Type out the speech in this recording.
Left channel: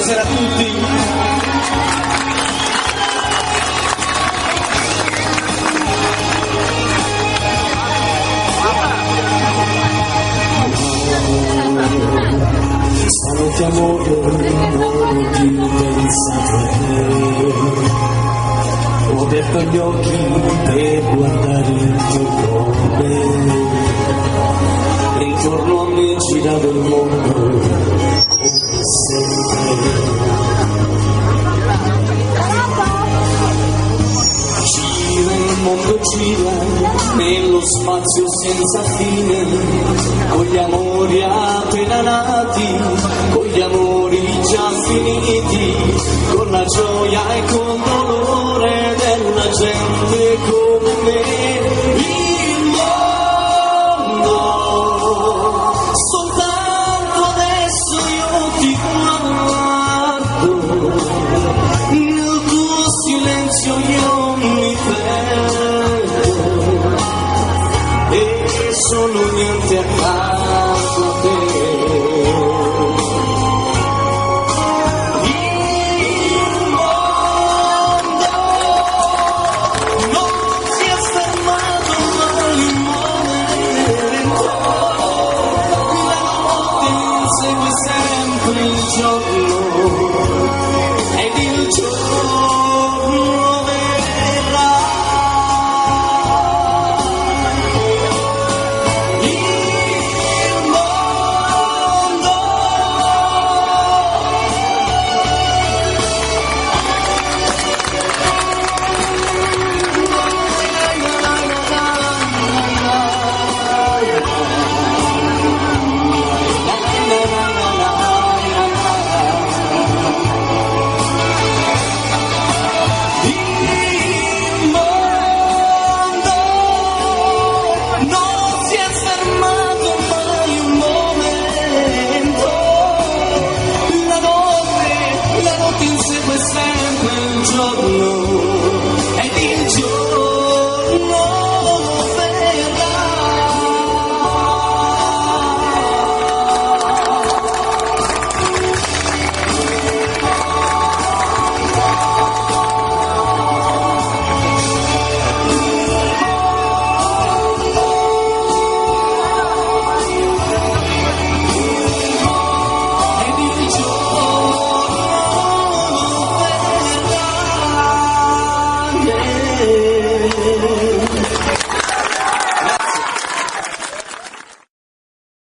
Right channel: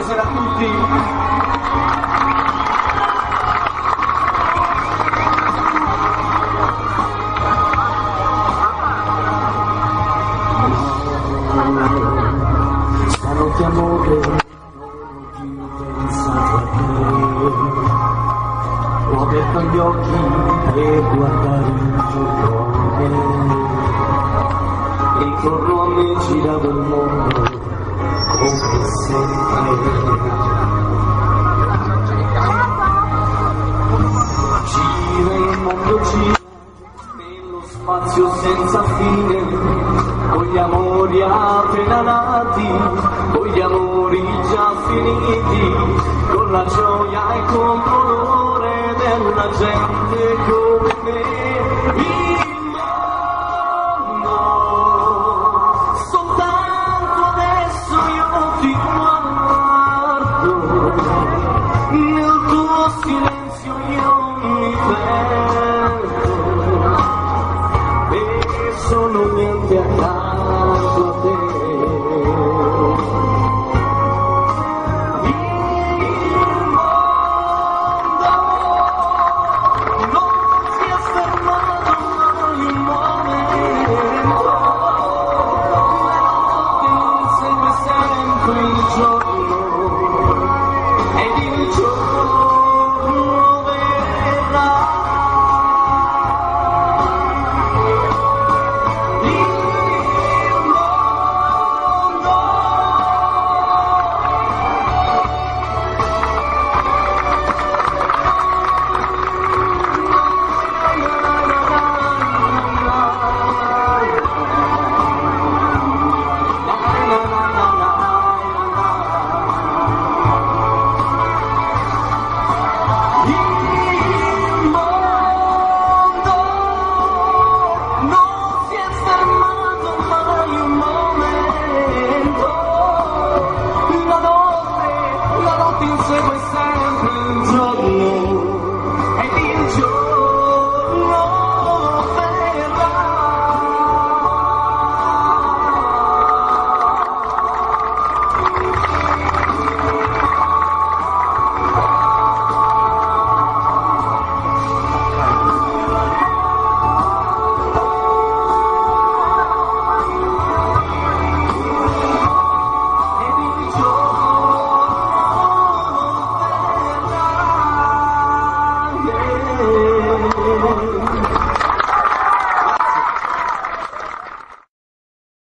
Buonasera a tutti. Stanotte amore, non ho più pensato a te. Ho aperto gli occhi per guardare intorno a me. Intorno a me girava il mondo come sempre. Gira il mondo, gira nello spazio senza fine, con gli amori appena nati, con gli amori già finiti, con la gioia e con dolore della gente come me. Il mondo, soltanto adesso io ti guardo, nel tuo silenzio io mi perdo e sono niente accanto a te.